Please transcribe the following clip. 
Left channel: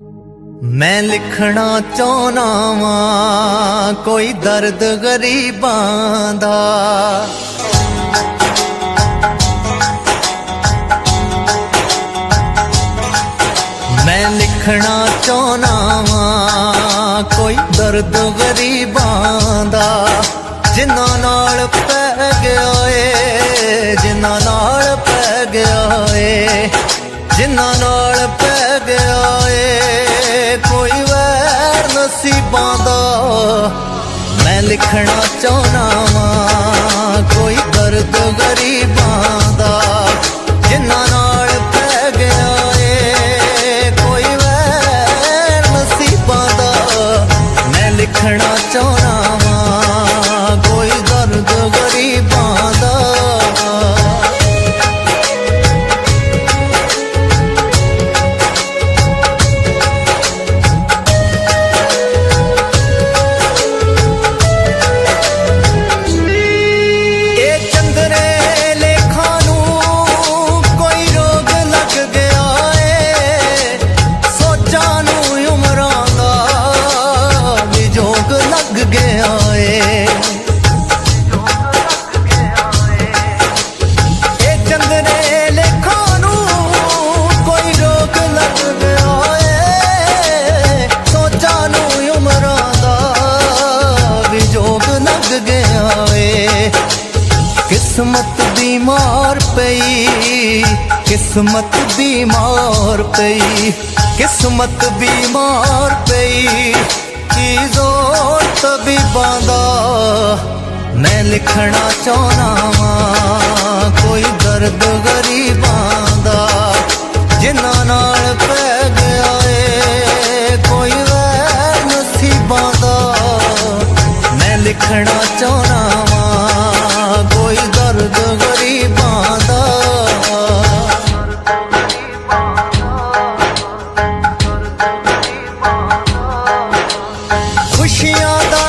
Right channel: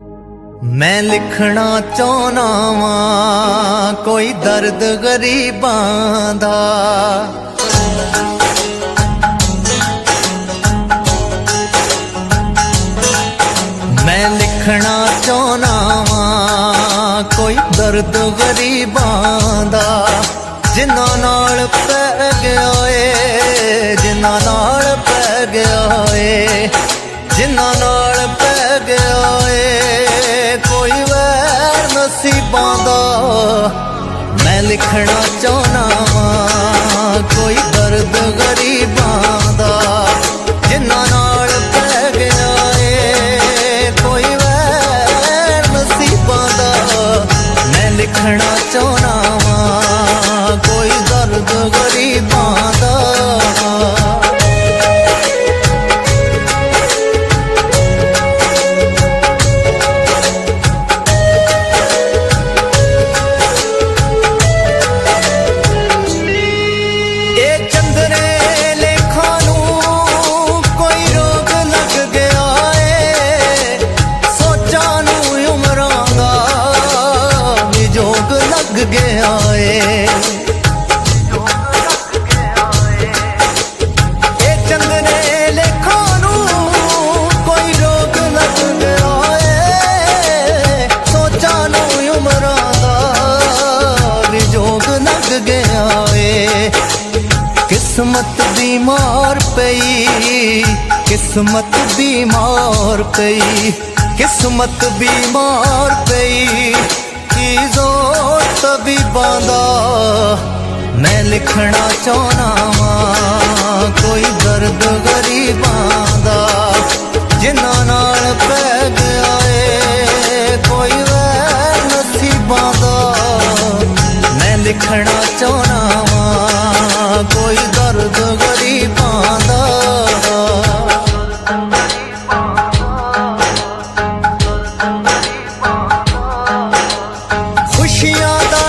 मैं लिखना चाहना वां कोई दर्द गरीबां दा, मैं लिखना चाहना वां कोई दर्द गरीबां दा, जिन्ना नाल पै गया ए, जिन्ना नाल पै गया ए, जिन्ना नाल पै गया ए कोई वैर नसीबां दा। मैं लिखना चाहना वां कोई दर्द गरीबां दा, जिन्ना नाल पै गया ए कोई वैर नसीबां दा। मैं लिखना चाहना वां कोई दर्द गरीबां दा। जोग लग गया ए, चंदने लेखा नू कोई रोग लग गया ए, सोचा नू उमरां दा भी जोग लग गया ए। किस्मत बीमार पई, किस्मत बीमार पई, किस्मत बीमार पई की जोर तबीबां दा। मैं लिखना चाहना वां कोई दर्द गरीबां दा, जिन्ना नाल पै गया ए कोई वैर नसीबां दा। मैं लिखना चाहना वां कोई दर्द गरीबां दा। खुशियां दा